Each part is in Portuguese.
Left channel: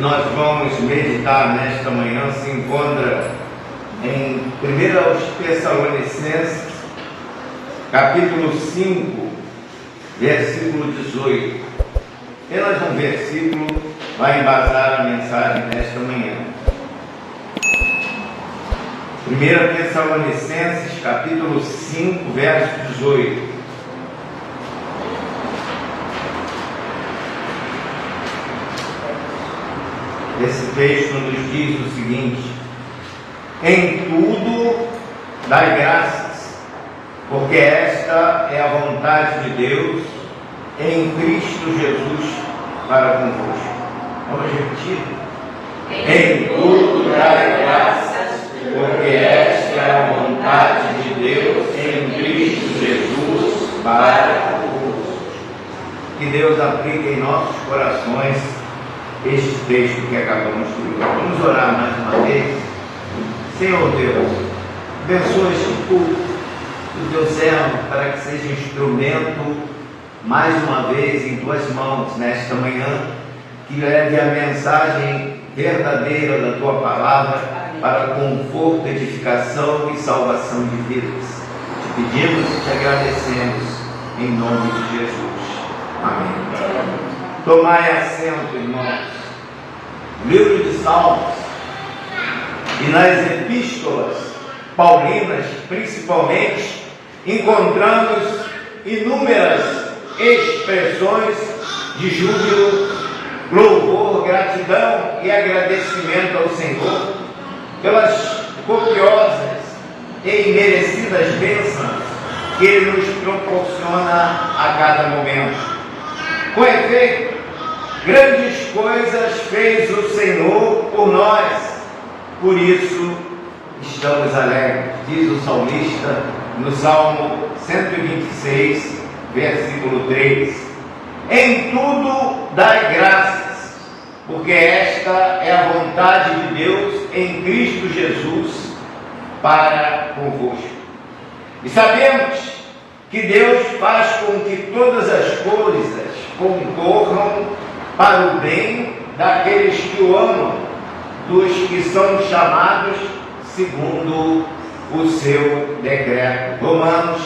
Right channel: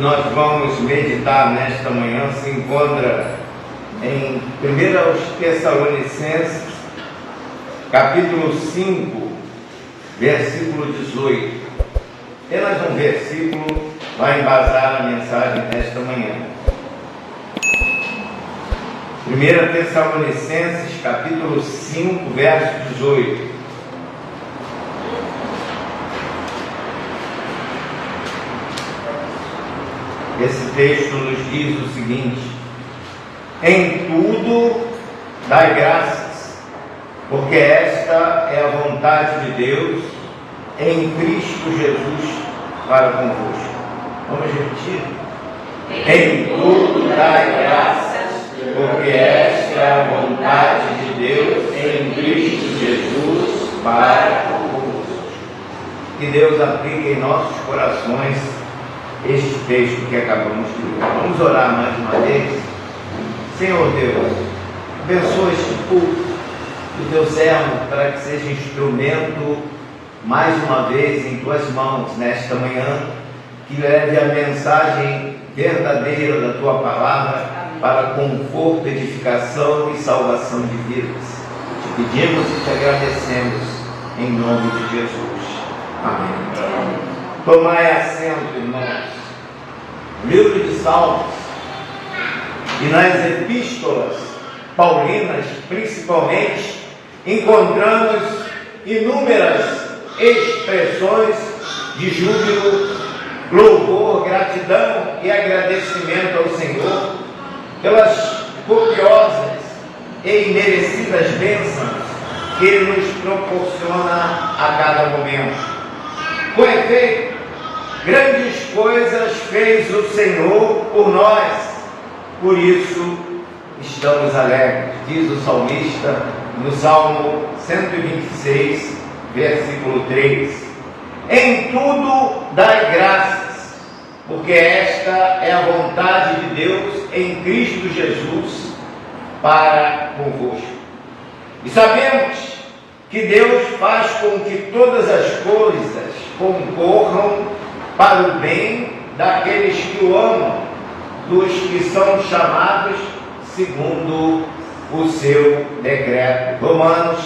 nós vamos meditar nesta manhã se encontra em 1 Tessalonicenses, capítulo 5, versículo 18. Apenas um versículo vai embasar a mensagem desta manhã. 1 Tessalonicenses, capítulo 5, verso 18. Esse texto nos diz o seguinte: em tudo dai graças, porque esta é a vontade de Deus em Cristo Jesus para convosco. Vamos repetir? Em tudo dai graças, porque esta é a vontade de Deus em Cristo Jesus para convosco. Que Deus aplique em nossos corações este texto que acabamos de ler. Vamos orar mais uma vez. Senhor Deus, abençoa este culto do teu servo para que seja instrumento mais uma vez em tuas mãos nesta manhã, que leve a mensagem verdadeira da tua palavra para conforto, edificação e salvação de vidas. Te pedimos e te agradecemos em nome de Jesus. Amém. Tomai assento, irmãos. Livro de Salmos e nas epístolas paulinas, principalmente, encontramos inúmeras expressões de júbilo, louvor, gratidão e agradecimento ao Senhor pelas copiosas e imerecidas bênçãos que Ele nos proporciona a cada momento. Com efeito, grandes coisas fez o Senhor por nós, por isso estamos alegres, diz o salmista no Salmo 126, versículo 3. Em tudo dai graças, porque esta é a vontade de Deus em Cristo Jesus para convosco. E sabemos que Deus faz com que todas as coisas concorram para o bem daqueles que o amam, dos que são chamados segundo o seu decreto. Romanos,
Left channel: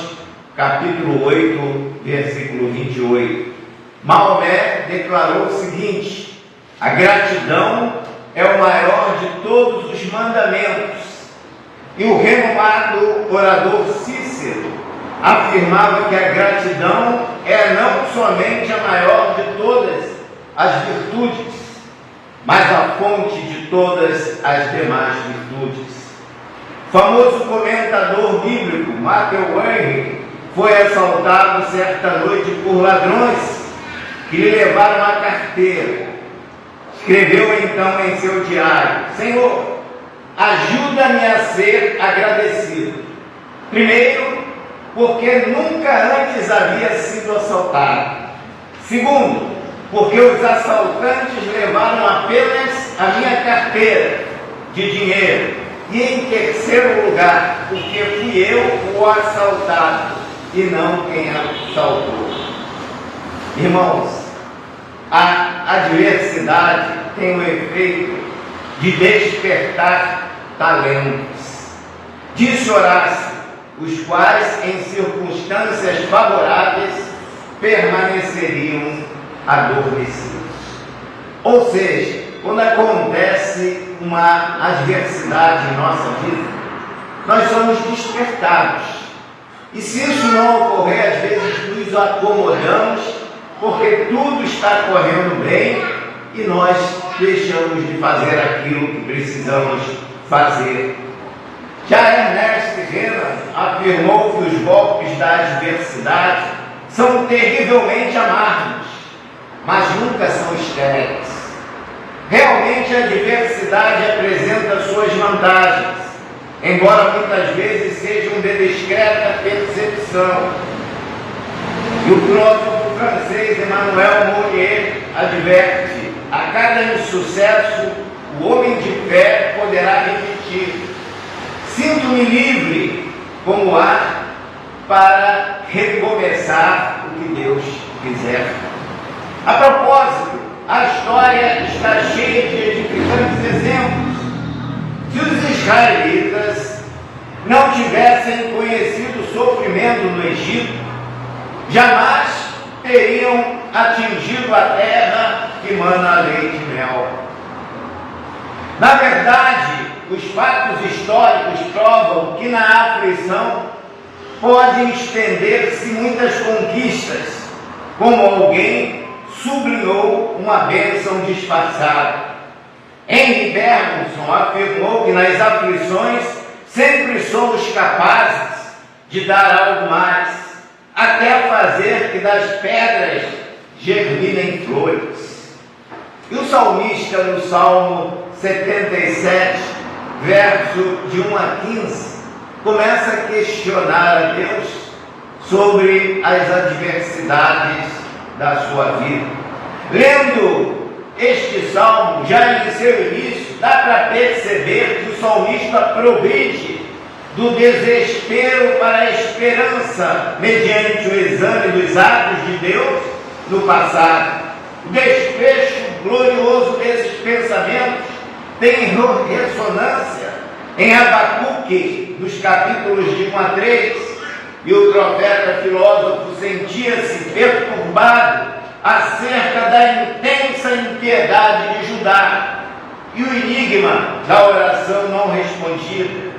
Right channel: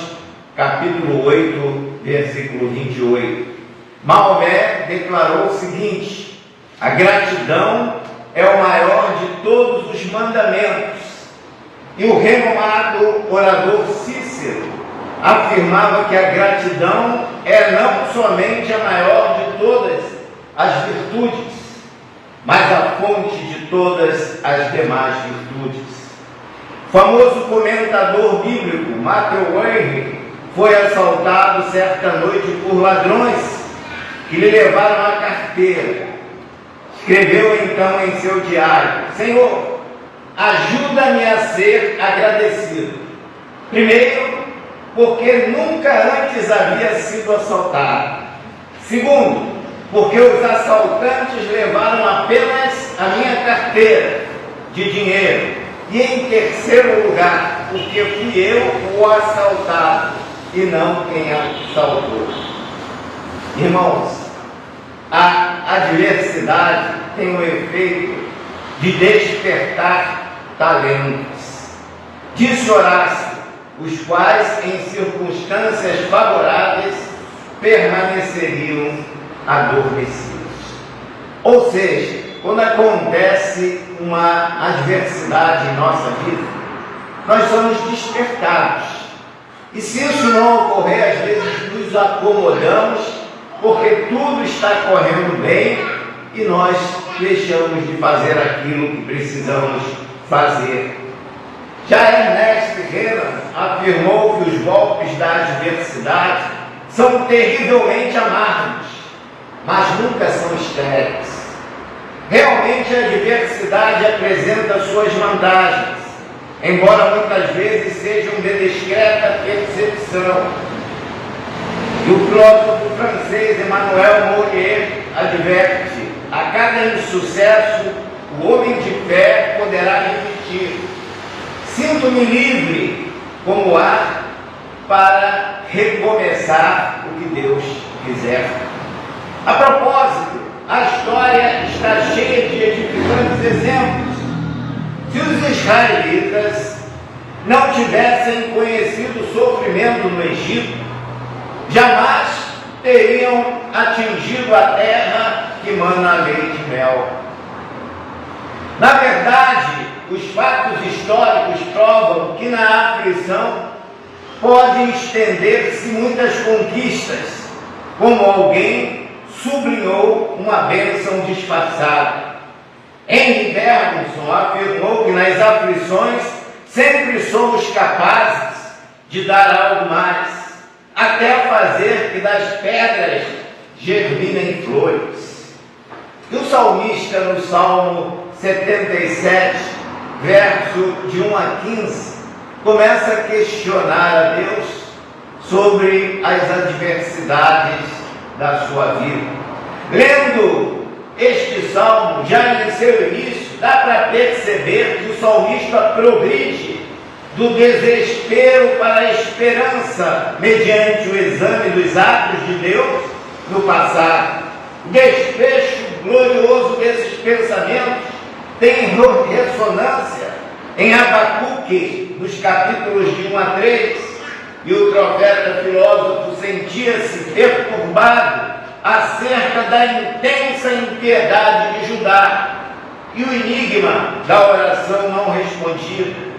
capítulo 8, versículo 28. Maomé declarou o seguinte: a gratidão é o maior de todos os mandamentos. E o renomado orador Cícero afirmava que a gratidão é não somente a maior de todas as virtudes, mas a fonte de todas as demais virtudes. O famoso comentador bíblico Matthew Henry foi assaltado certa noite por ladrões que lhe levaram a carteira. Escreveu então em seu diário: Senhor, ajuda-me a ser agradecido. Primeiro, porque nunca antes havia sido assaltado. Segundo, porque os assaltantes levaram apenas a minha carteira de dinheiro. E em terceiro lugar, porque fui eu o assaltado e não quem assaltou. Irmãos, a adversidade tem o efeito de despertar talentos. Disse Horácio, os quais em circunstâncias favoráveis permaneceriam adormecidos. Ou seja, quando acontece uma adversidade em nossa vida, nós somos despertados. E se isso não ocorrer, às vezes nos acomodamos, porque tudo está correndo bem e nós deixamos de fazer aquilo que precisamos fazer. Já Ernest Renan afirmou que os golpes da adversidade são terrivelmente amargos, mas nunca são estéreis. Realmente a adversidade apresenta suas vantagens, embora muitas vezes sejam de discreta percepção. E o filósofo francês Emmanuel Morier adverte: a cada insucesso, o homem de fé poderá repetir: sinto-me livre como ar para recomeçar o que Deus quiser. A propósito, a história está cheia de edificantes exemplos. Se os israelitas não tivessem conhecido o sofrimento no Egito, jamais teriam atingido a terra que mana leite e mel. Na verdade, os fatos históricos provam que na aflição podem estender-se muitas conquistas, como alguém sublinhou uma bênção disfarçada. Henry Bergson afirmou que nas aflições sempre somos capazes de dar algo mais, até fazer que das pedras germinem flores. E o salmista, no Salmo 77, verso de 1 a 15, começa a questionar a Deus sobre as adversidades da sua vida. Lendo este salmo, já em seu início, dá para perceber que o salmista progride do desespero para a esperança mediante o exame dos atos de Deus no passado. O desfecho glorioso desses pensamentos tem ressonância em Abacuque, nos capítulos de 1 a 3, e o profeta filósofo sentia-se perturbado acerca da intensa impiedade de Judá e o enigma da oração não respondida.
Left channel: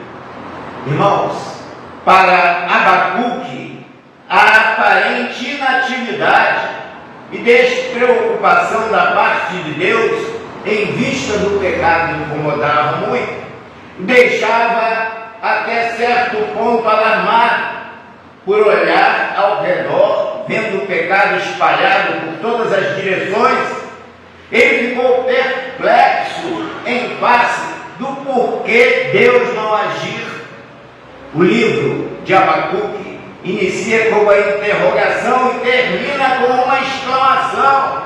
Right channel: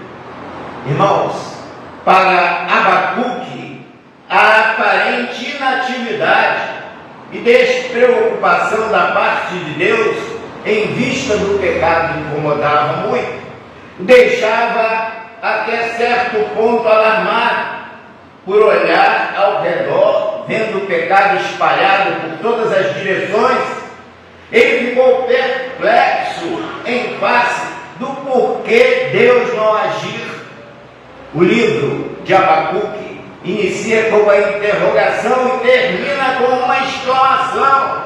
Irmãos, para Abacuque, a aparente inatividade e despreocupação da parte de Deus em vista do pecado incomodava muito, deixava até certo ponto alarmado por olhar ao redor, vendo o pecado espalhado por todas as direções. Ele ficou perplexo em face do porquê Deus não agir. O livro de Abacuque inicia com uma interrogação e termina com uma exclamação.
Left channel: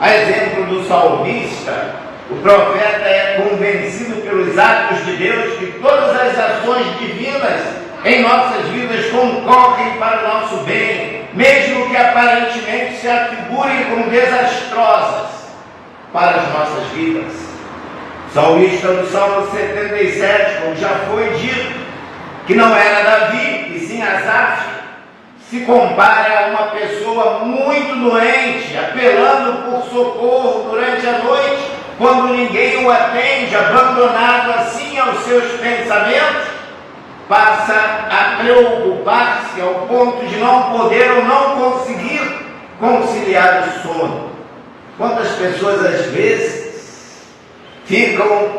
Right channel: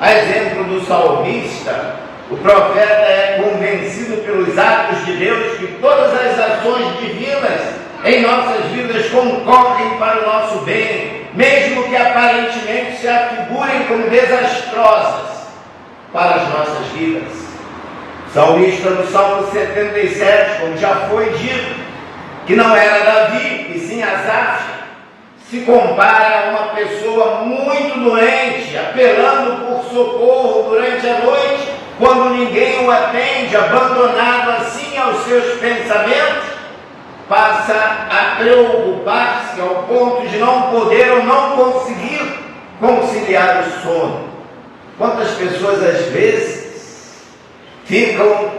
A exemplo do salmista, o profeta é convencido pelos atos de Deus que todas as ações divinas em nossas vidas concorrem para o nosso bem, mesmo que aparentemente se afigurem como desastrosas para as nossas vidas. O salmista no Salmo 77, como já foi dito, que não era Davi, e sim Asaf, se compara a uma pessoa muito doente, apelando por socorro durante a noite, quando ninguém o atende, abandonado assim aos seus pensamentos, passa a preocupar-se ao ponto de não poder ou não conseguir conciliar o sono. Quantas pessoas às vezes ficam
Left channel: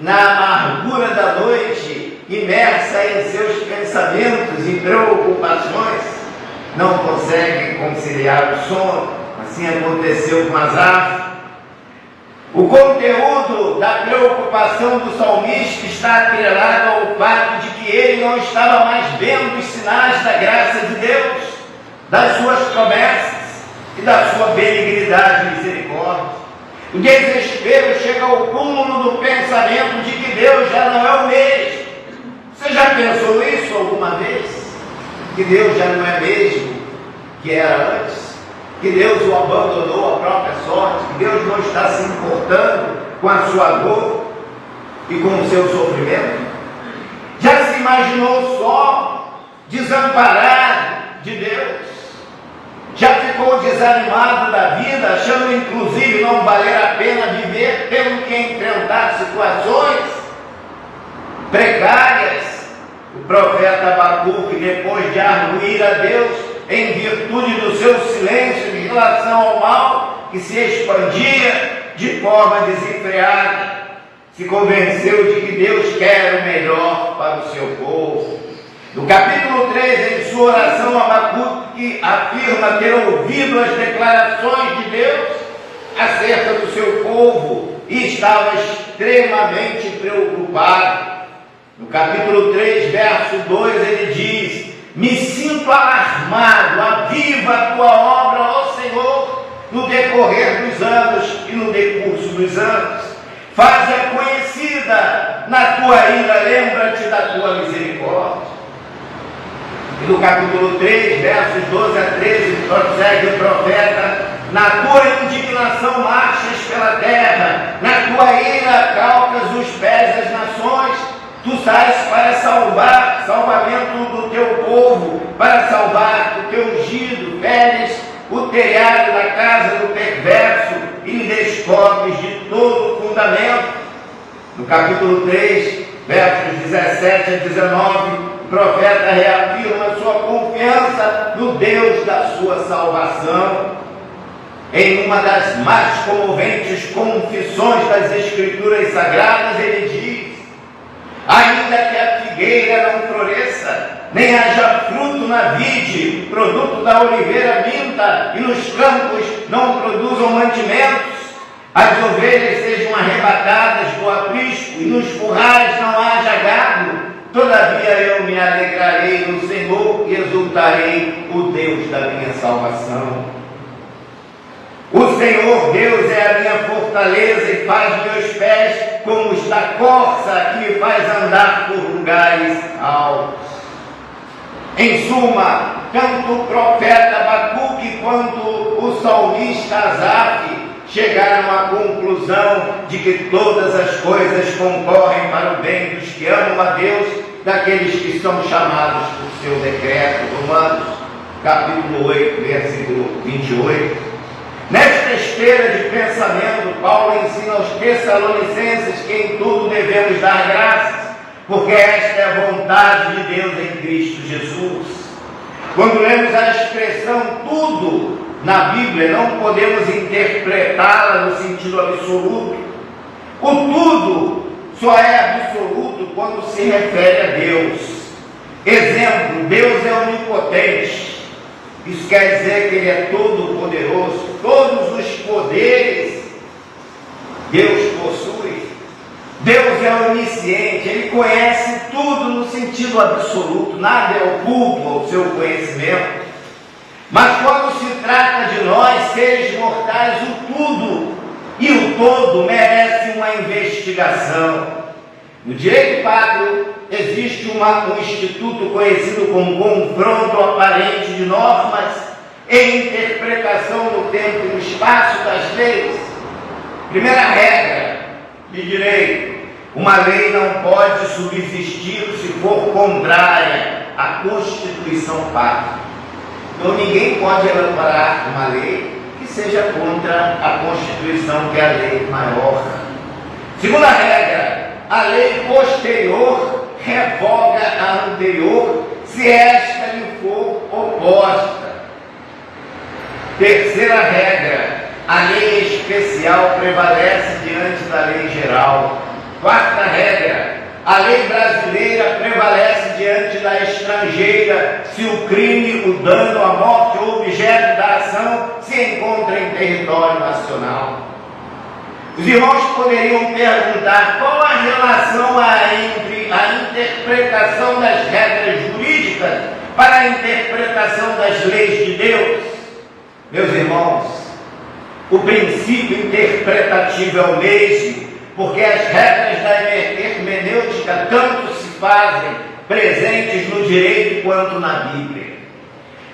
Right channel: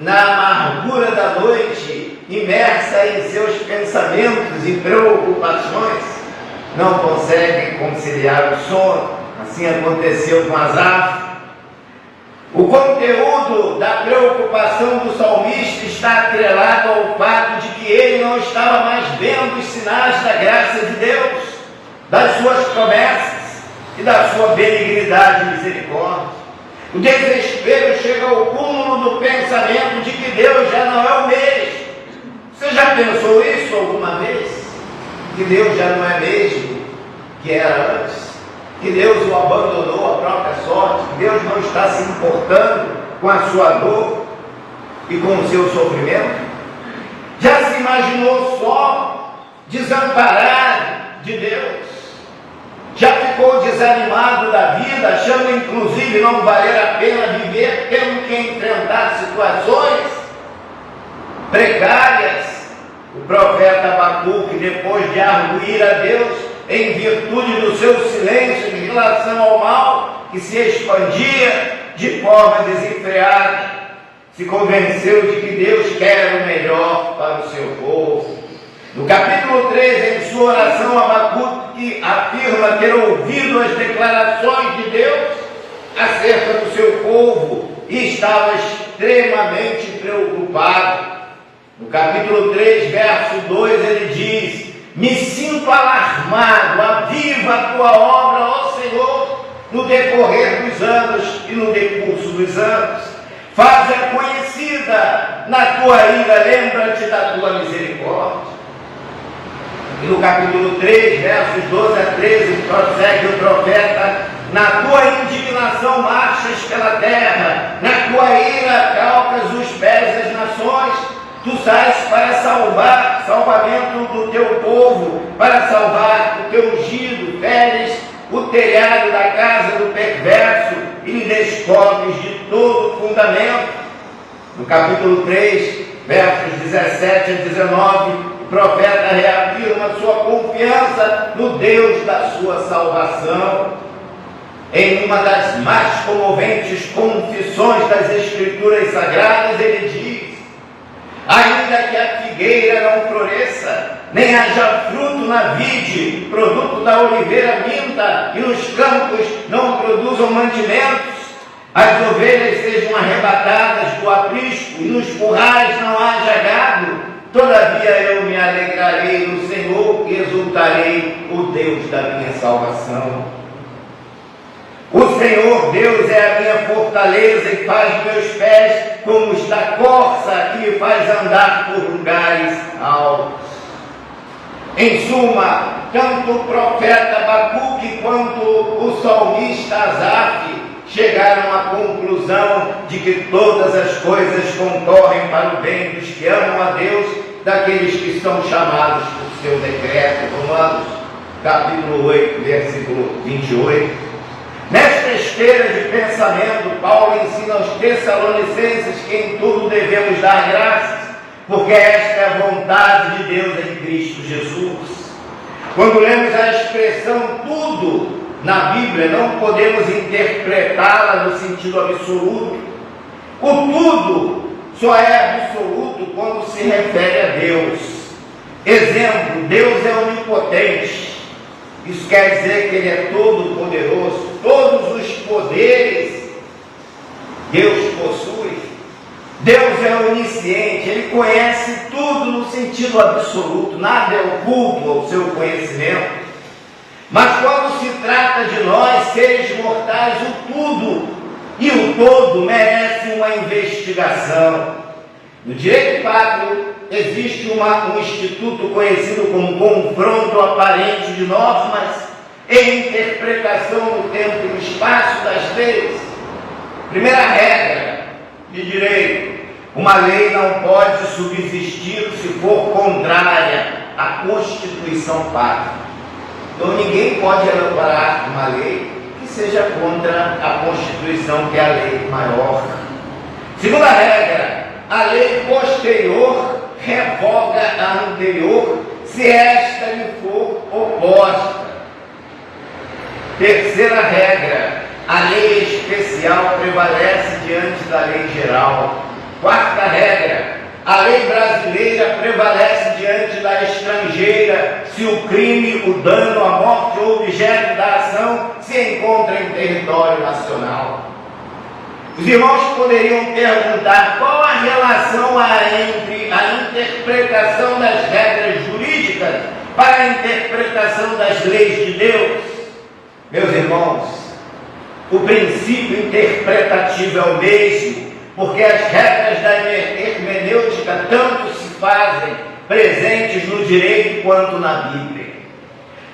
na amargura da noite, imersa em seus pensamentos e preocupações, não conseguem conciliar o sono. Assim aconteceu com Asaf. O conteúdo da preocupação do salmista está atrelado ao fato de que ele não estava mais vendo os sinais da graça de Deus, das suas promessas e da sua benignidade e misericórdia. O desespero chega ao cúmulo do pensamento de que Deus já não é o mesmo. Você já pensou isso alguma vez? Que Deus já não é mesmo que era antes? Que Deus o abandonou à própria sorte? Que Deus não está se importando com a sua dor e com o seu sofrimento? Já se imaginou só, desamparado de Deus? Já ficou desanimado da vida, achando inclusive não valer a pena viver, tendo que enfrentar situações precárias? O profeta Abacuque, depois de arguir a Deus em virtude do seu silêncio em relação ao mal que se expandia de forma desenfreada, se convenceu de que Deus quer o melhor para o seu povo. No capítulo 3, em sua oração, Abacuque afirma ter ouvido as declarações de Deus acerca do seu povo e estava extremamente preocupado. No capítulo 3, verso 2, ele diz: me sinto alarmado, aviva a tua obra, ó Senhor, no decorrer dos anos e no decurso dos anos. Faz-a conhecida na tua ira, lembra-te da tua misericórdia. E no capítulo 3, versos 12 a 13, prossegue o profeta na tua indignação marchas pela terra, na tua ira calcas os pés das nações. Tu sais para salvamento do teu povo, para salvar o teu ungido, feres o telhado da casa do perverso e lhe descobres de todo o fundamento. No capítulo 3, versos 17 a 19, o profeta reafirma sua confiança no Deus da sua salvação. Em uma das mais comoventes confissões das Escrituras Sagradas, ele diz: ainda que a figueira não floresça, nem haja fruto na vide, produto da oliveira minta, e nos campos não produzam mantimentos, as ovelhas sejam arrebatadas do aprisco, e nos currais não haja gado, todavia eu me alegrarei no Senhor e exultarei o Deus da minha salvação. O Senhor Deus é a minha fortaleza e faz meus pés como os da corça, que me faz andar por lugares altos. Em suma, tanto o profeta Abacuque quanto o salmista Asaf chegaram à conclusão de que todas as coisas concorrem para o bem dos que amam a Deus, daqueles que são chamados por seu decreto. Romanos, capítulo 8, versículo 28. Nesta esteira de pensamento, Paulo ensina aos Tessalonicenses que em tudo devemos dar graças, porque esta é a vontade de Deus em Cristo Jesus. Quando lemos a expressão tudo na Bíblia, não podemos interpretá-la no sentido absoluto. O tudo só é absoluto quando se refere a Deus. Exemplo, Deus é onipotente. Isso quer dizer que Ele é todo poderoso, todos os poderes Deus possui. Deus é onisciente, Ele conhece tudo no sentido absoluto, nada é oculto ao seu conhecimento. Mas quando se trata de nós, seres mortais, o tudo e o todo merece uma investigação. No direito pátrio existe um instituto conhecido como confronto aparente de normas e interpretação no tempo e no espaço das leis. Primeira regra de direito: uma lei não pode subsistir se for contrária à Constituição Pátria. Então ninguém pode elaborar uma lei que seja contra a Constituição, que é a lei maior. Segunda regra: a lei posterior revoga a anterior, se esta lhe for oposta. Terceira regra: a lei especial prevalece diante da lei geral. Quarta regra: a lei brasileira prevalece diante da estrangeira, se o crime, o dano, a morte ou objeto da ação se encontra em território nacional. Os irmãos poderiam perguntar qual a relação entre a interpretação das regras jurídicas para a interpretação das leis de Deus. Meus irmãos, o princípio interpretativo é o mesmo, porque as regras da hermenêutica tanto se fazem presentes no direito quanto na Bíblia,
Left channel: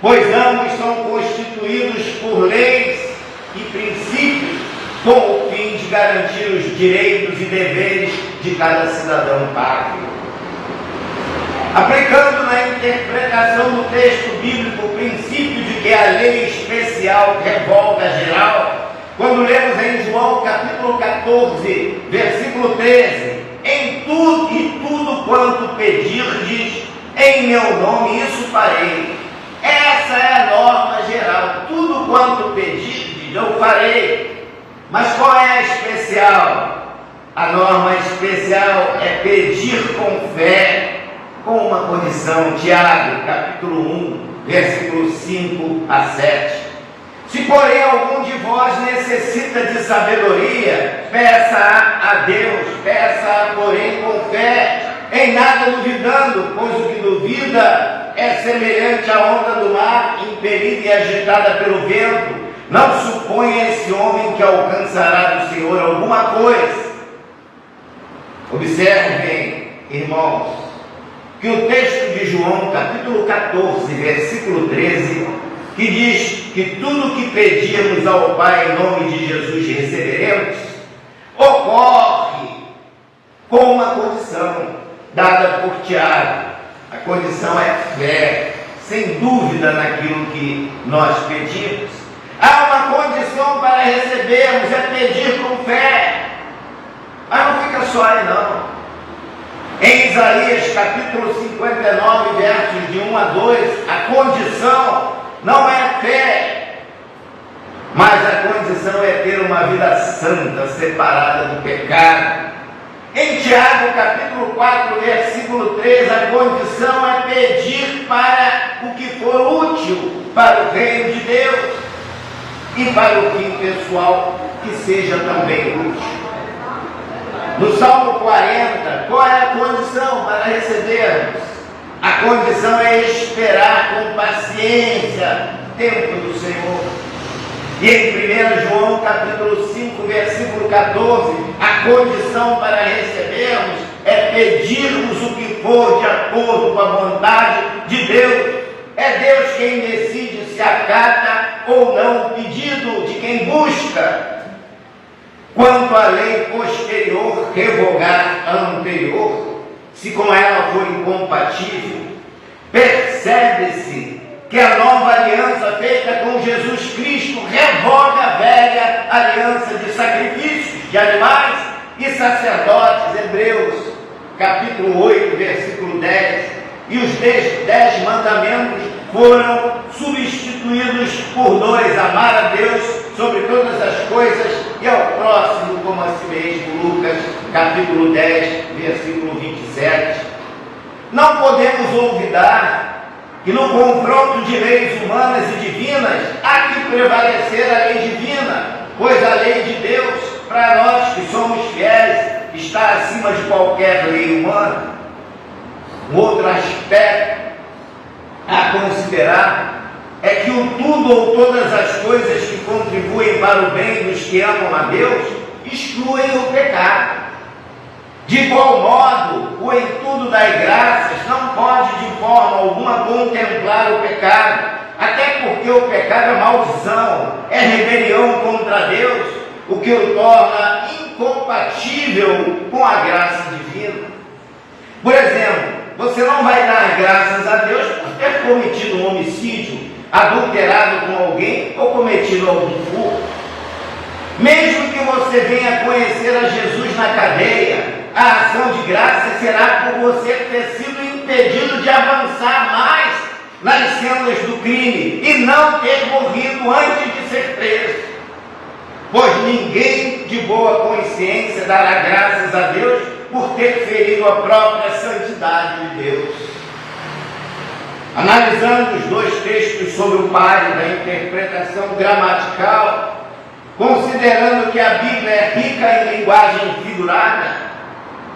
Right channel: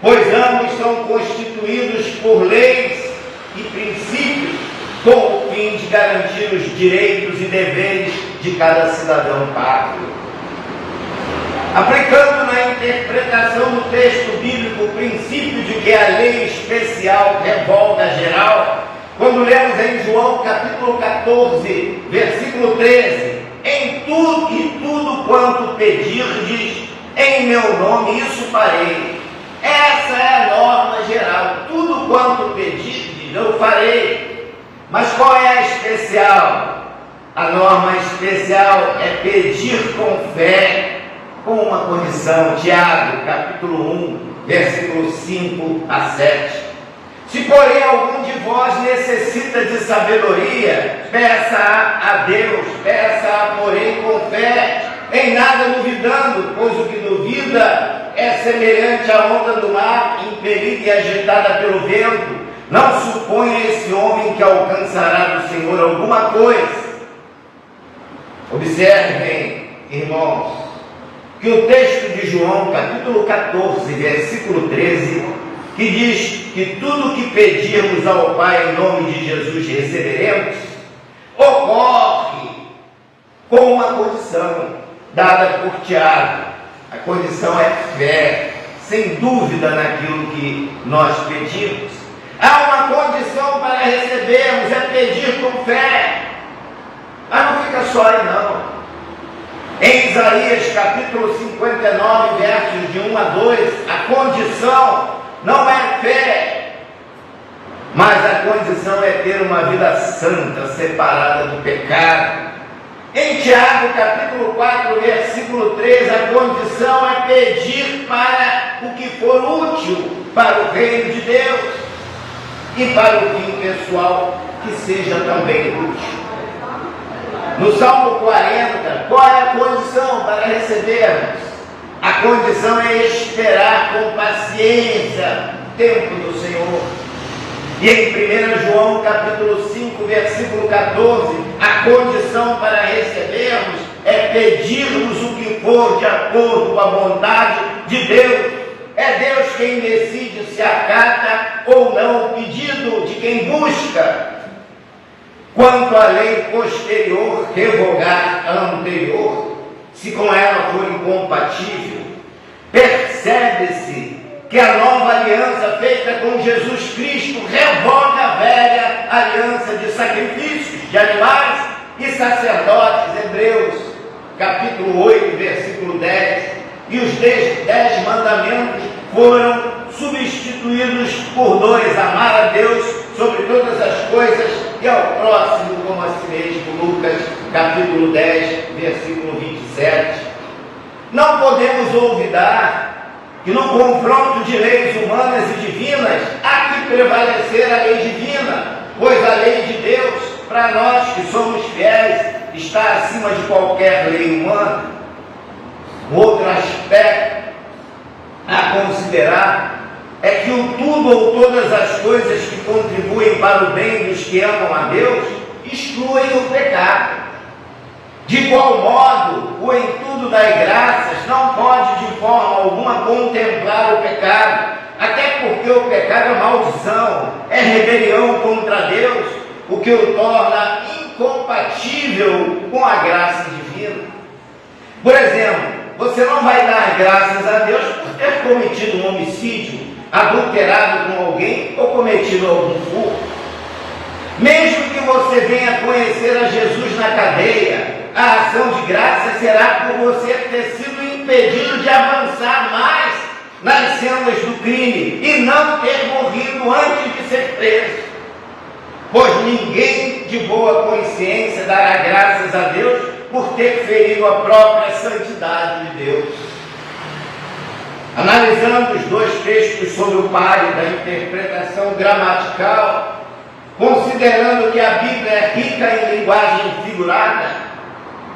pois ambos são constituídos por leis e princípios com o fim de garantir os direitos e deveres de cada cidadão pátrio. Aplicando na interpretação do texto bíblico o princípio de que a lei especial revoga a geral, quando lemos em João capítulo 14, versículo 13, em tudo e tudo quanto pedirdes em meu nome, isso farei. Essa é a norma geral, tudo quanto pedirdes eu farei. Mas qual é a especial? A norma especial é pedir com fé, com uma condição. Tiago, capítulo 1, versículos 5 a 7. Se porém algum de vós necessita de sabedoria, peça a Deus, peça-a porém com fé, em nada duvidando, pois o que duvida é semelhante à onda do mar, impelida e agitada pelo vento. Não suponha esse homem que alcançará do Senhor alguma coisa. Observem, irmãos, que o texto de João, capítulo 14, versículo 13, que diz que tudo que pedirmos ao Pai em nome de Jesus receberemos, ocorre com uma condição dada por Tiago. A condição é fé, sem dúvida naquilo que nós pedimos. Há uma condição para recebermos, é pedir com fé. Mas não fica só aí não. Em Isaías capítulo 59, versos de 1 a 2, a condição não é fé, mas a condição é ter uma vida santa, separada do pecado. Em Tiago capítulo 4, versículo 3, a condição é pedir para o que for útil para o reino de Deus e para o fim pessoal que seja também útil. No Salmo 40, qual é a condição para recebermos? A condição é esperar com paciência o tempo do Senhor. E em 1 João capítulo 5, versículo 14, a condição para recebermos é pedirmos o que for de acordo com a vontade de Deus. É Deus quem decide se acata ou não o pedido de quem busca. Quanto à lei posterior, revogar a anterior, se com ela for incompatível, percebe-se que a nova aliança feita com Jesus Cristo revoga a velha aliança de sacrifícios de animais e sacerdotes. Hebreus capítulo 8, versículo 10. E os 10 mandamentos foram substituídos por 2: amar a Deus sobre todas as coisas e ao próximo como a si mesmo. Lucas capítulo 10, versículo 27. Não podemos olvidar que no confronto de leis humanas e divinas há que prevalecer a lei divina, pois a lei de Deus, para nós que somos fiéis, está acima de qualquer lei humana. Um outro aspecto a considerar é que o tudo ou todas as coisas que contribuem para o bem dos que amam a Deus excluem o pecado. De igual modo, o em tudo dai graças não pode de forma alguma contemplar o pecado, até porque o pecado é maldição, é rebelião contra Deus, o que o torna incompatível com a graça divina. Por exemplo, você não vai dar graças a Deus por ter cometido um homicídio, adulterado com alguém ou cometido algum furto. Mesmo que você venha conhecer a Jesus na cadeia, a ação de graça será por você ter sido impedido de avançar mais nas cenas do crime e não ter morrido antes de ser preso. Pois ninguém de boa consciência dará graças a Deus por ter ferido a própria santidade de Deus. Analisando os 2 textos sobre o pare da interpretação gramatical, considerando que a Bíblia é rica em linguagem figurada,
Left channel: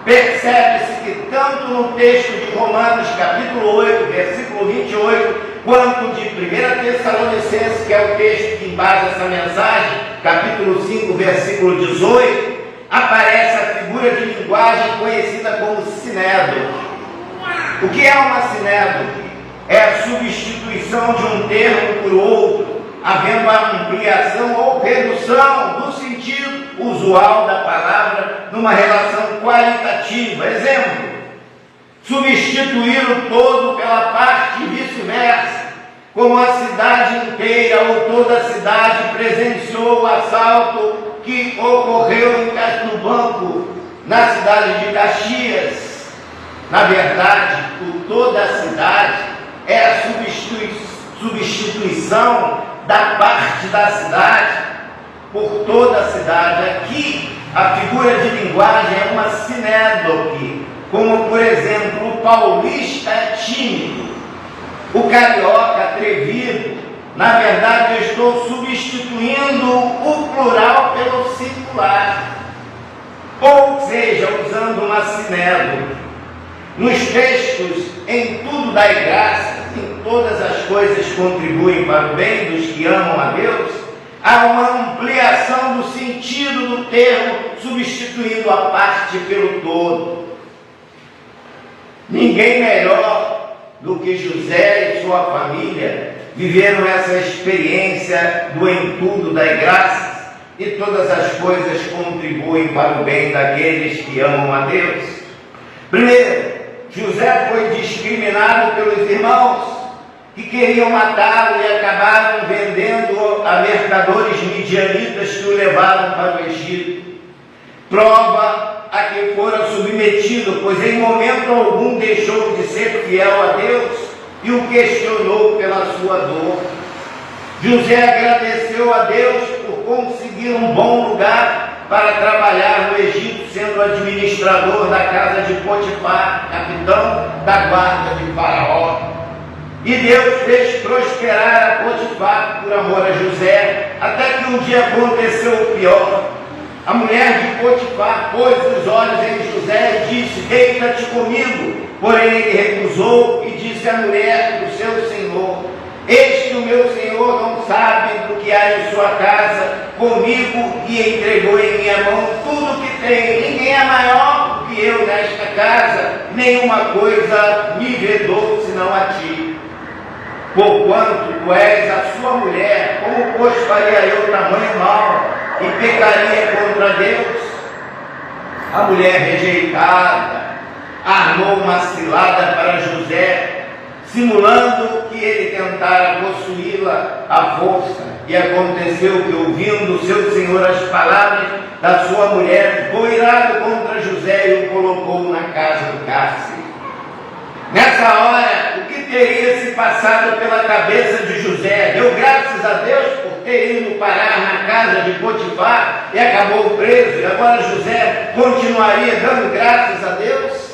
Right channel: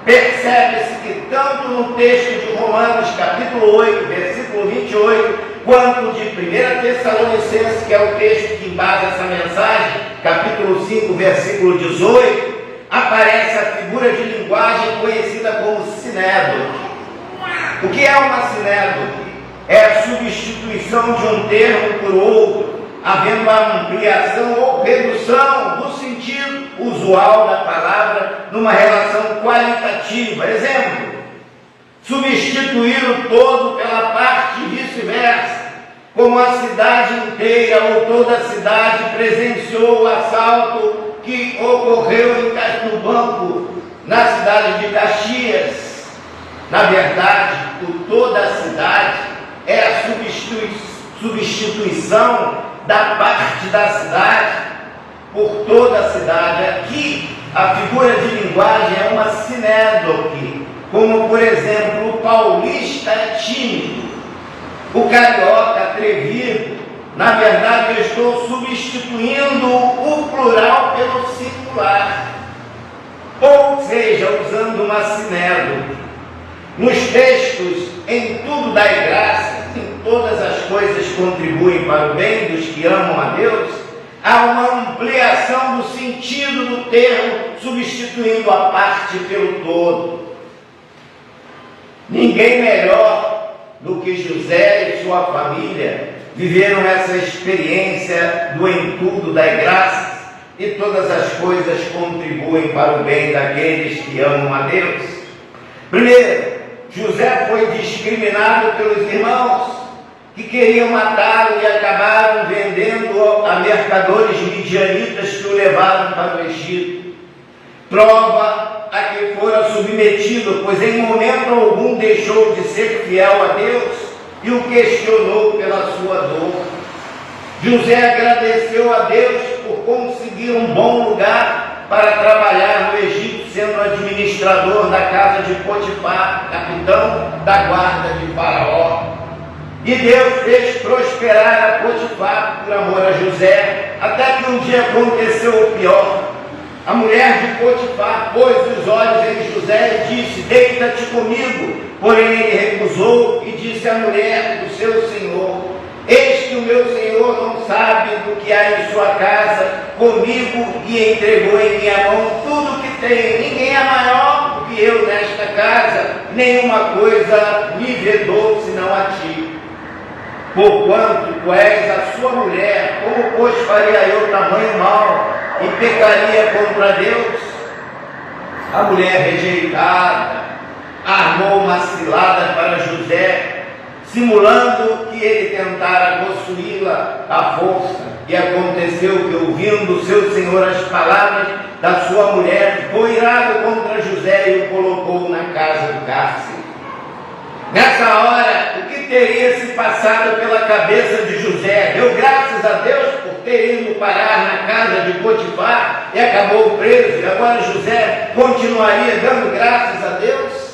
percebe-se que tanto no texto de Romanos capítulo 8, versículo 28, quanto de 1 Tessalonicenses, que é o texto que embasa essa mensagem, capítulo 5, versículo 18, aparece a figura de linguagem conhecida como sinédoque. O que é uma sinédoque? É a substituição de um termo por outro, havendo a ampliação ou redução do sentido usual da palavra numa relação qualitativa. Exemplo: substituir o todo pela parte e vice-versa, como a cidade inteira ou toda a cidade presenciou o assalto que ocorreu no banco na cidade de Caxias. Na verdade, o toda a cidade é a substituição da parte da cidade por toda a cidade. Aqui, a figura de linguagem é uma sinédoque, como, por exemplo, o paulista é tímido, o carioca atrevido. Na verdade, eu estou substituindo o plural pelo singular, ou seja, usando uma sinédoque. Nos textos, em tudo dai graça, em todas as coisas contribuem para o bem dos que amam a Deus, há uma ampliação do sentido do termo, substituindo a parte pelo todo. Ninguém melhor do que José e sua família viveram essa experiência do entulho das graças, e todas as coisas contribuem para o bem daqueles que amam a Deus. Primeiro, José foi discriminado pelos irmãos que queriam matá-lo e acabaram vendendo a mercadores midianitas que o levaram para o Egito. Prova a que fora submetido, pois em momento algum deixou de ser fiel a Deus e o questionou pela sua dor. José agradeceu a Deus por conseguir um bom lugar para trabalhar no Egito, sendo administrador da casa de Potifar, capitão da guarda de Faraó. E Deus fez prosperar a Potifar por amor a José, até que um dia aconteceu o pior. A mulher de Potifar pôs os olhos em José e disse: deita-te comigo. Porém ele recusou e disse à mulher do seu senhor: eis que o meu senhor não sabe do que há em sua casa comigo, e entregou em minha mão tudo que tem. Ninguém é maior do que eu nesta casa, nenhuma coisa me vedou senão a ti. Porquanto tu és a sua mulher, como pois faria eu tamanho mal e pecaria contra Deus? A mulher rejeitada armou uma cilada para José, simulando que ele tentara possuí-la à força. E aconteceu que, ouvindo seu senhor as palavras da sua mulher, foi irado contra José e o colocou na casa do cárcere. Nessa hora, o que teria se passado pela cabeça de José? Deu graças a Deus por ter ido parar na casa de Potifar e acabou preso, e agora José continuaria dando graças a Deus?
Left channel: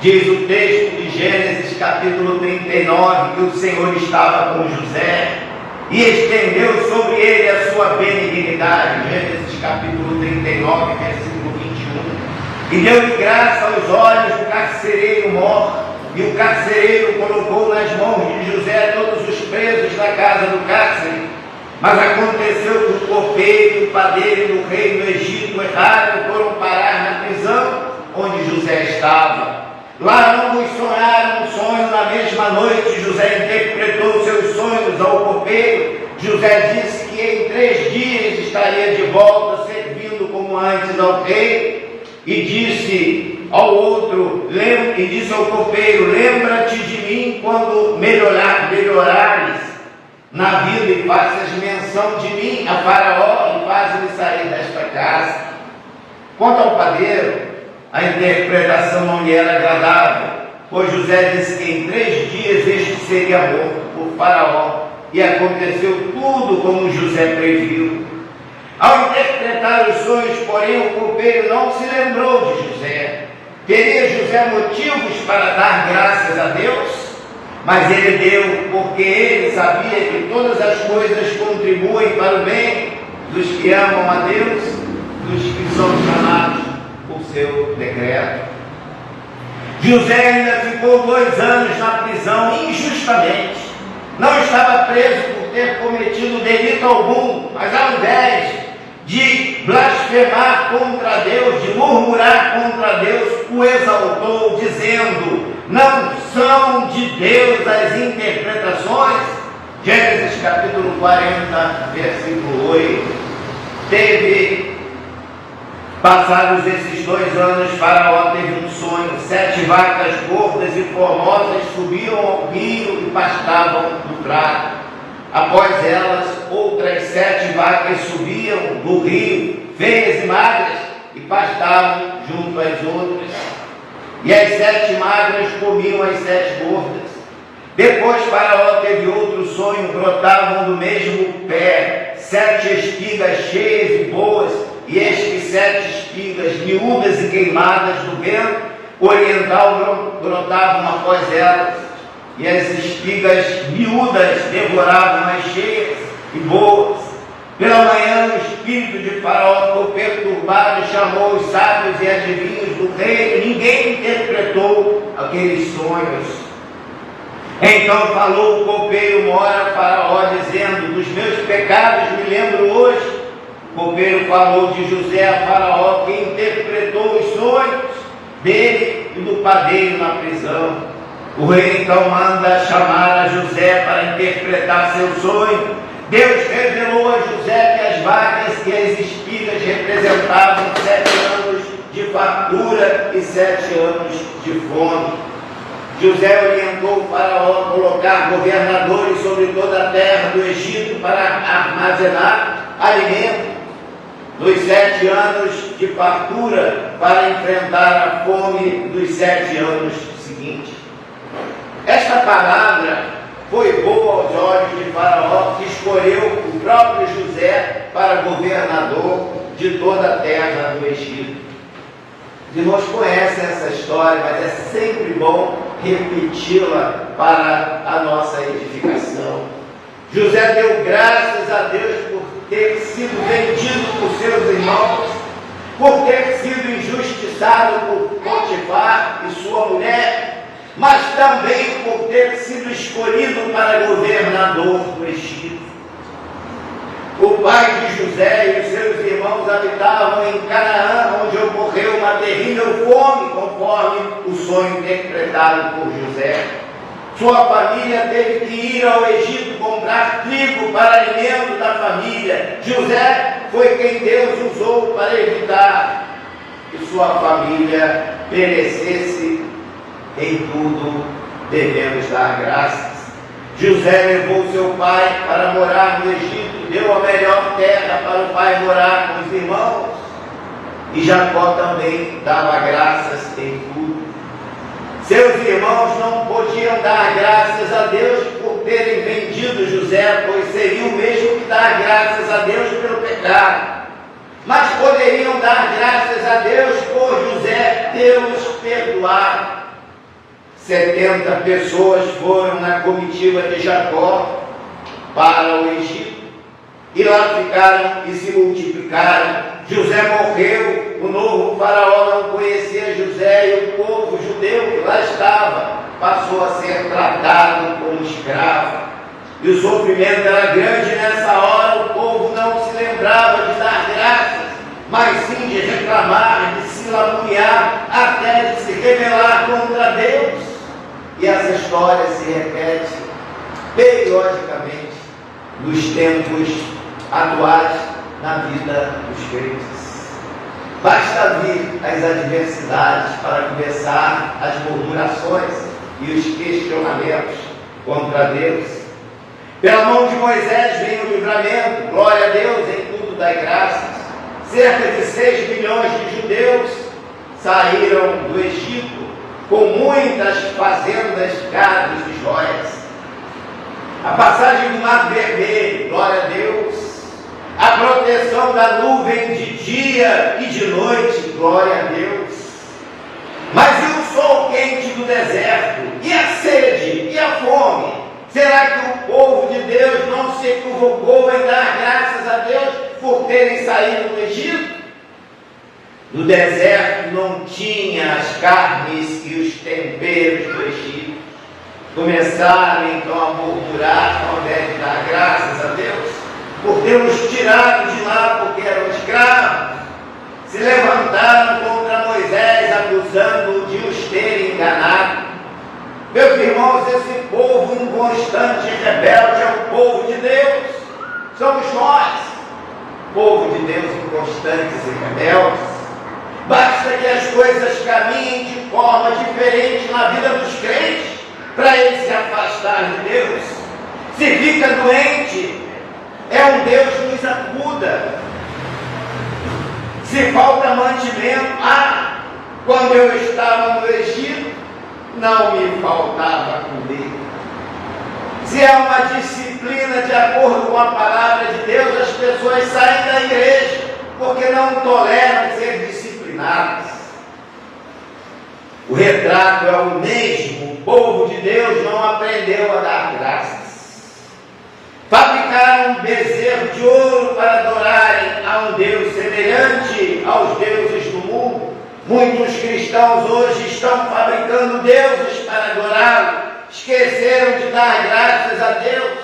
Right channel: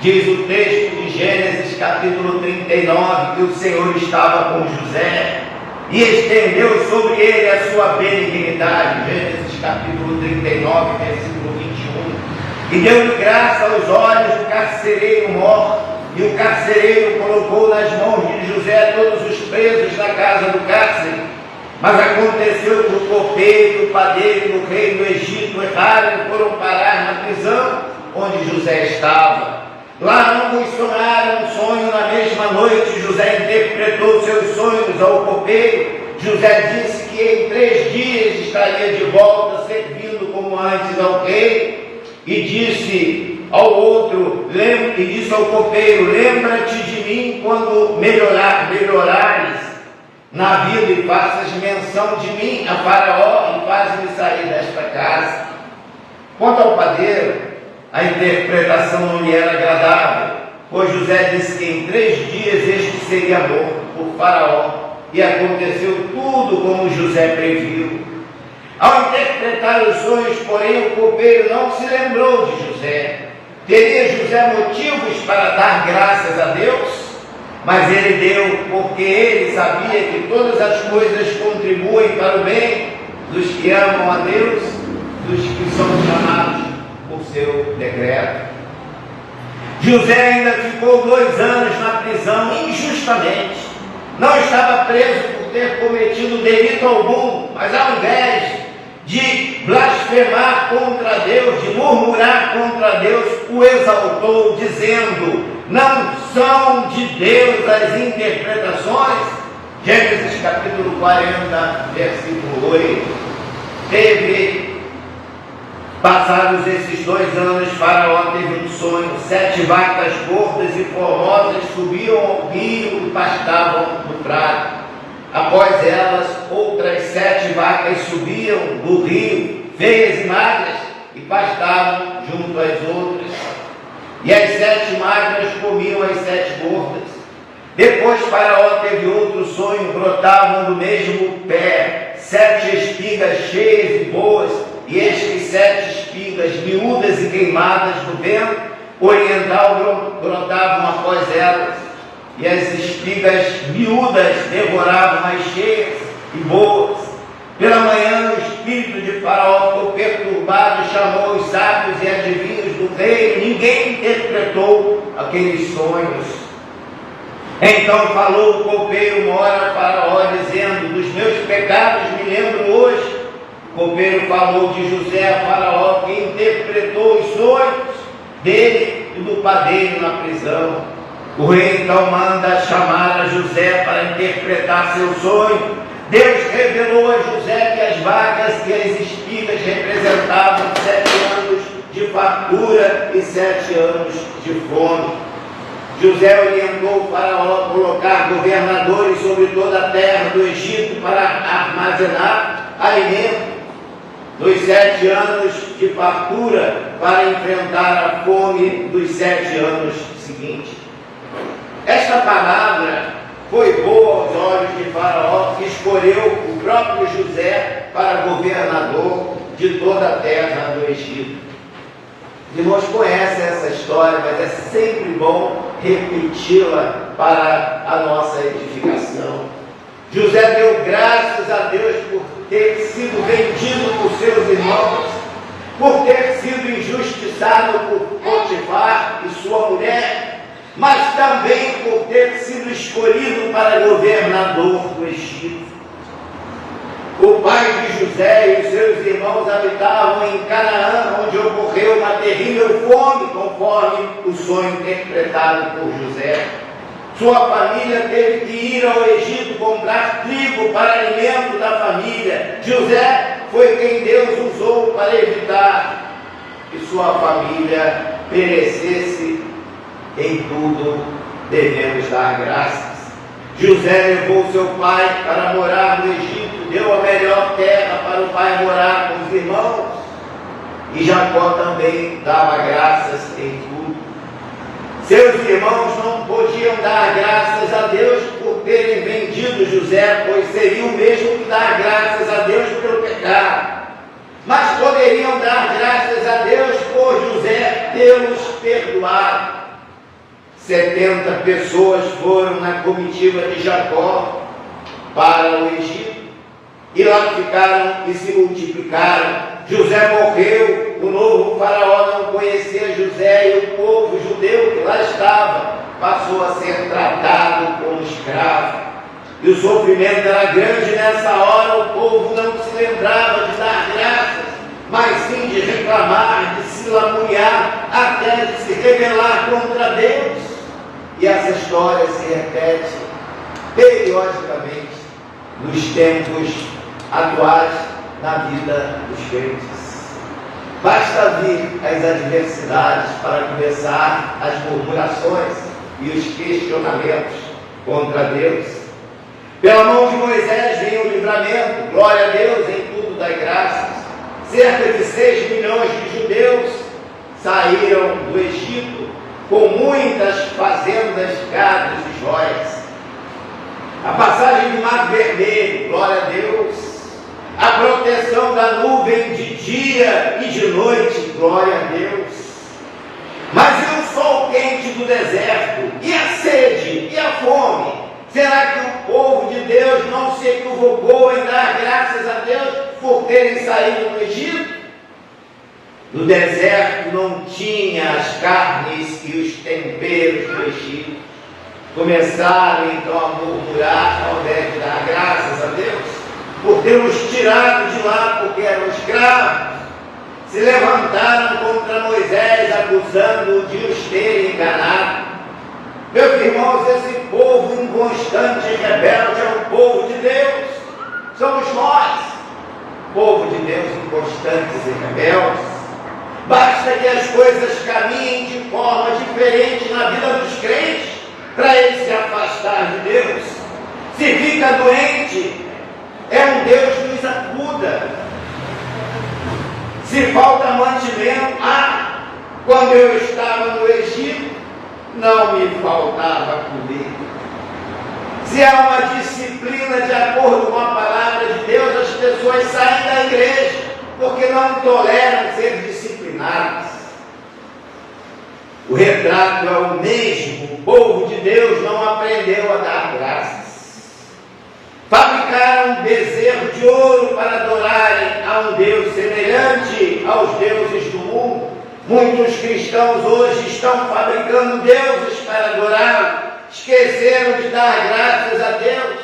Diz o texto de Gênesis capítulo 39 que o Senhor estava com José e estendeu sobre ele a sua benignidade. Gênesis capítulo 39, versículo 21. E deu-lhe graça aos olhos do carcereiro mor, e o carcereiro colocou nas mãos de José todos os presos da casa do cárcere. Mas aconteceu que o copeiro e o padeiro do rei do Egito erraram e foram parar na prisão onde José estava. Lá ambos sonharam um sonho na mesma noite. José interpretou seus sonhos ao copeiro. José disse que em 3 dias estaria de volta, servindo como antes ao rei. E disse ao outro, e disse ao copeiro: lembra-te de mim quando melhorares na vida e faças menção de mim a Faraó e faz-me sair desta casa. Quanto ao padeiro, a interpretação não lhe era agradável, pois José disse que em 3 dias este seria morto por Faraó, e aconteceu tudo como José previu. Ao interpretar os sonhos, porém, o copeiro não se lembrou de José. Teria José motivos para dar graças a Deus? Mas ele deu, porque ele sabia que todas as coisas contribuem para o bem dos que amam a Deus, dos que são chamados por seu decreto. José ainda ficou 2 anos na prisão injustamente. Não estava preso por ter cometido delito algum, mas ao invés de blasfemar contra Deus, de murmurar contra Deus, o exaltou, dizendo: não são de Deus as interpretações? Gênesis capítulo 40, versículo 8. Passados esses 2 anos, Faraó teve um sonho: 7 vacas gordas e formosas subiam ao rio e pastavam no prado. Após elas, outras 7 vacas subiam do rio, feias e magras, e pastavam junto às outras. E as 7 magras comiam as 7 gordas. Depois Faraó teve outro sonho: brotavam do mesmo pé 7 espigas cheias e boas, e eis que 7 espigas miúdas e queimadas do vento oriental brotavam após elas. E as espigas miúdas devoravam as cheias e boas. Pela manhã, o espírito de Faraó ficou perturbado e chamou os sábios e adivinhos do rei. Ninguém interpretou aqueles sonhos. Então falou o copeiro mor a Faraó, dizendo: dos meus pecados me lembro hoje. O copeiro falou de José a Faraó, que interpretou os sonhos dele e do padeiro na prisão. O rei então manda chamar a José para interpretar seu sonho. Deus revelou a José que as vacas e as espigas representavam 7 anos de fartura e 7 anos de fome. José orientou o faraó colocar governadores sobre toda a terra do Egito para armazenar alimento nos 7 anos de fartura, para enfrentar a fome dos 7 anos seguintes. Esta palavra foi boa aos olhos de Faraó, que escolheu o próprio José para governador de toda a terra do Egito. Os irmãos conhecem essa história, mas é sempre bom repeti-la para a nossa edificação. José deu graças a Deus por ter sido vendido por seus irmãos, por ter sido injustiçado por Potifar e sua mulher, mas também por ter sido escolhido para governador do Egito. O pai de José e os seus irmãos habitavam em Canaã, onde ocorreu uma terrível fome, conforme o sonho interpretado por José. Sua família teve que ir ao Egito comprar trigo para alimento da família. José foi quem Deus usou para evitar que sua família perecesse. Em tudo devemos dar graças. José levou seu pai para morar no Egito, deu a melhor terra para o pai morar com os irmãos. E Jacó também dava graças em tudo. Seus irmãos não podiam dar graças a Deus por terem vendido José, pois seria o mesmo que dar graças a Deus pelo pecado. Mas poderiam dar graças a Deus por José tê-los perdoado. 70 pessoas foram na comitiva de Jacó para o Egito, e lá ficaram e se multiplicaram. José morreu, o novo faraó não conhecia José, e o povo judeu que lá estava passou a ser tratado como escravo. E o sofrimento era grande nessa hora. O povo não se lembrava de dar graças, mas sim de reclamar, de se laburear, até de se rebelar contra Deus. E essa história se repete periodicamente nos tempos atuais na vida dos crentes. Basta vir as adversidades para começar as murmurações e os questionamentos contra Deus. Pela mão de Moisés vem o livramento, glória a Deus, em tudo dai graças. Cerca de 6 milhões de judeus saíram do Egito com muitas fazendas, gados e joias. A passagem do Mar Vermelho, glória a Deus. A proteção da nuvem de dia e de noite, glória a Deus. Mas e o sol quente do deserto? E a sede? E a fome? Será que o povo de Deus não se equivocou em dar graças a Deus por terem saído do Egito? No deserto não tinha as carnes e os temperos do Egito. Começaram então a murmurar ao invés de dar graças a Deus por ter-os tirado de lá porque eram escravos. Se levantaram contra Moisés, acusando-o de os terem enganado. Meus irmãos, esse povo inconstante e rebelde é o povo de Deus. Somos nós, povo de Deus, inconstantes e rebeldes. Basta que as coisas caminhem de forma diferente na vida dos crentes para eles se afastar de Deus. Se fica doente, é um Deus que nos acuda. Se falta mantimento, quando eu estava no Egito, não me faltava comer. Se é uma disciplina de acordo com a palavra de Deus, as pessoas saem da igreja porque não toleram ser disciplinadas. O retrato é o mesmo. O povo de Deus não aprendeu a dar graças. Fabricaram um bezerro de ouro para adorarem a um Deus semelhante aos deuses do mundo. Muitos cristãos hoje estão fabricando deuses para adorá-lo. Esqueceram de dar graças a Deus.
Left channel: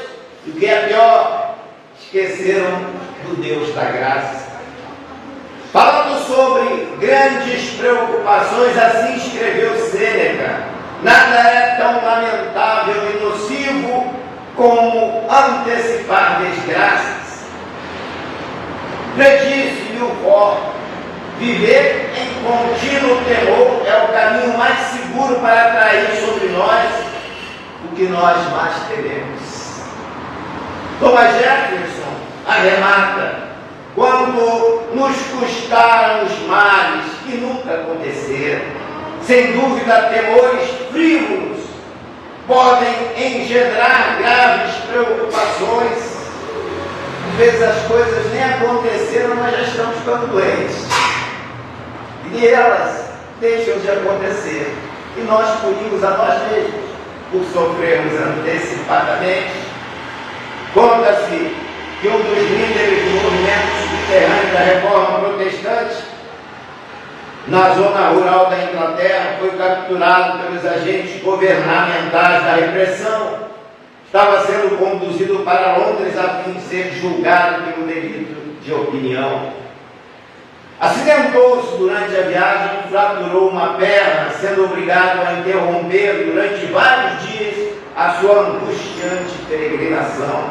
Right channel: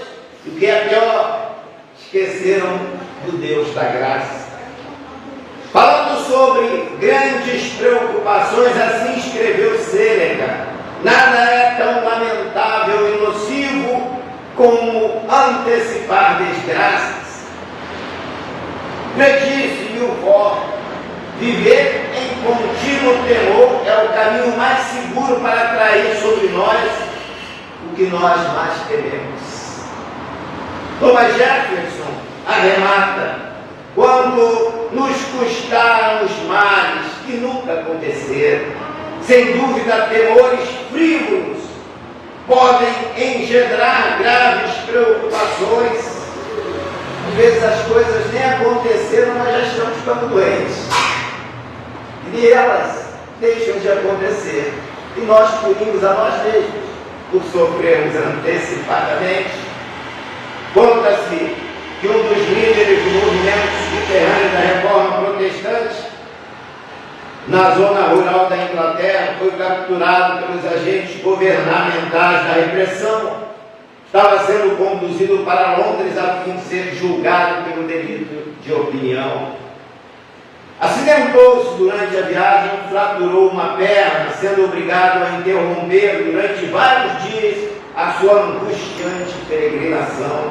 E o que é pior, esqueceram do Deus da graça. Falando sobre grandes preocupações, assim escreveu Sêneca: Nada é tão lamentável e nocivo como antecipar desgraças. Predisse-me o vó, viver em contínuo temor é o caminho mais seguro para atrair sobre nós o que nós mais tememos. Thomas Jefferson arremata: quando nos custaram os males que nunca aconteceram, sem dúvida temores frívolos podem engendrar graves preocupações. Às vezes as coisas nem aconteceram, mas já estamos ficando doentes. E elas deixam de acontecer. E nós punimos a nós mesmos por sofrermos antecipadamente. Conta-se que um dos líderes do movimento subterrâneo da Reforma Protestante, na zona rural da Inglaterra, foi capturado pelos agentes governamentais da repressão. Estava sendo conduzido para Londres a fim de ser julgado pelo delito de opinião. Acidentou-se durante a viagem, fraturou uma perna, sendo obrigado a interromper durante vários dias a sua angustiante peregrinação.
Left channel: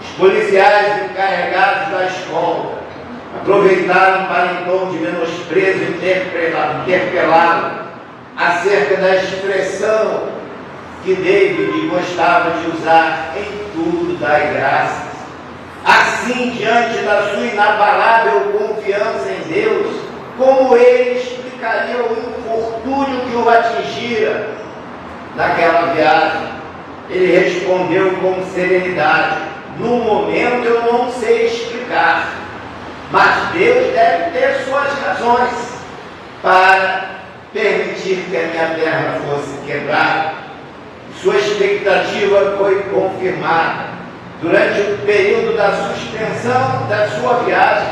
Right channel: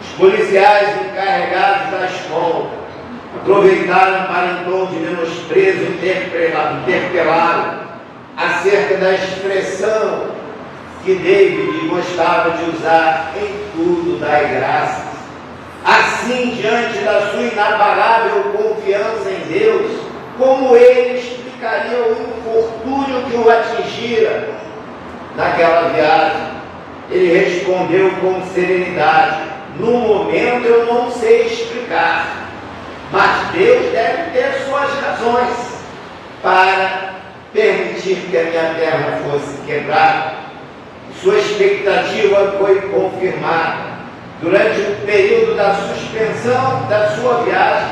Os policiais encarregados da escola aproveitaram para, em tom de menosprezo, interpelá-lo acerca da expressão que David gostava de usar: em tudo dai graças. Assim, diante da sua inabalável confiança em Deus, como ele explicaria o infortúnio que o atingira naquela viagem? Ele respondeu com serenidade: no momento eu não sei explicar, mas Deus deve ter suas razões para permitir que a minha perna fosse quebrada. Sua expectativa foi confirmada. Durante o período da suspensão da sua viagem,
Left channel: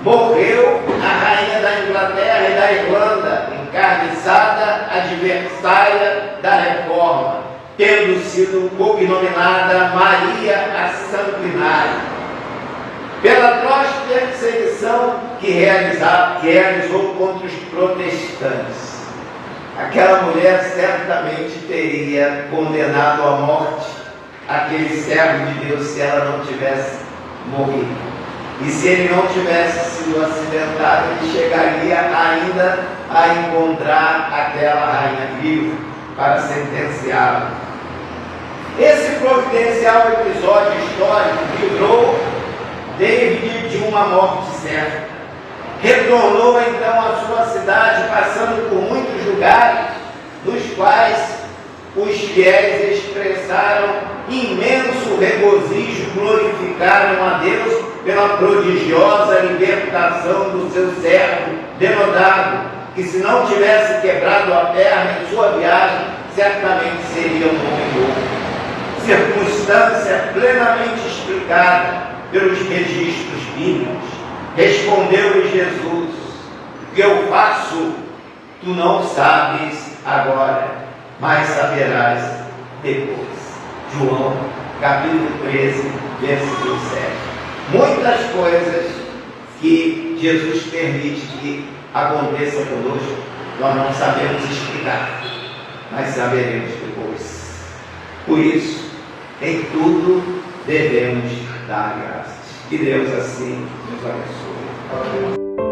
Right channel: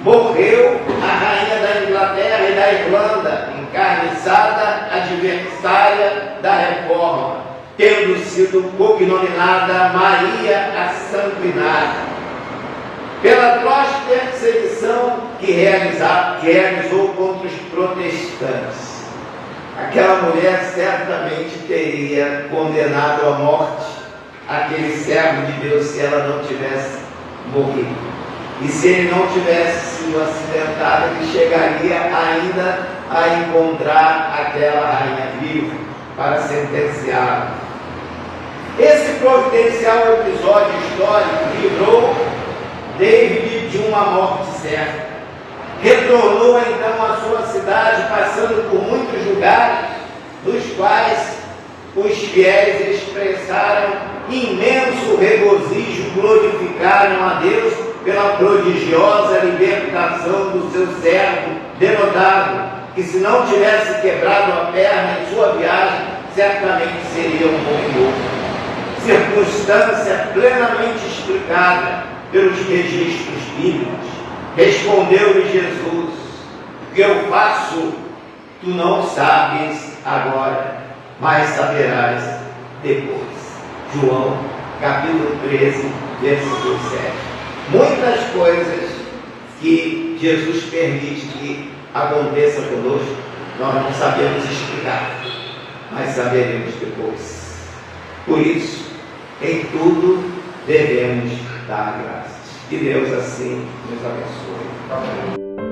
morreu a rainha da Inglaterra e da Irlanda, encarniçada adversária da reforma, tendo sido cognominada Maria a Sanguinária, pela atroz perseguição que realizou contra os protestantes. Aquela mulher certamente teria condenado à morte aquele servo de Deus se ela não tivesse morrido. E se ele não tivesse sido acidentado, ele chegaria ainda a encontrar aquela rainha viva para sentenciá-la. Esse providencial episódio histórico livrou David de uma morte certa. Retornou então à sua cidade, passando por muitos lugares, nos quais os fiéis expressaram imenso regozijo, glorificaram a Deus pela prodigiosa libertação do seu servo denotado, que se não tivesse quebrado a perna em sua viagem, certamente seria um morto. Circunstância plenamente explicada pelos registros bíblicos. Respondeu-lhe Jesus: o que eu faço, tu não sabes agora, mas saberás depois. João, capítulo 13, versículo 7. Muitas coisas que Jesus permite que aconteçam conosco, nós não sabemos explicar, mas saberemos depois. Por isso, em tudo devemos dar graças. Que Deus assim nos abençoe. Amém.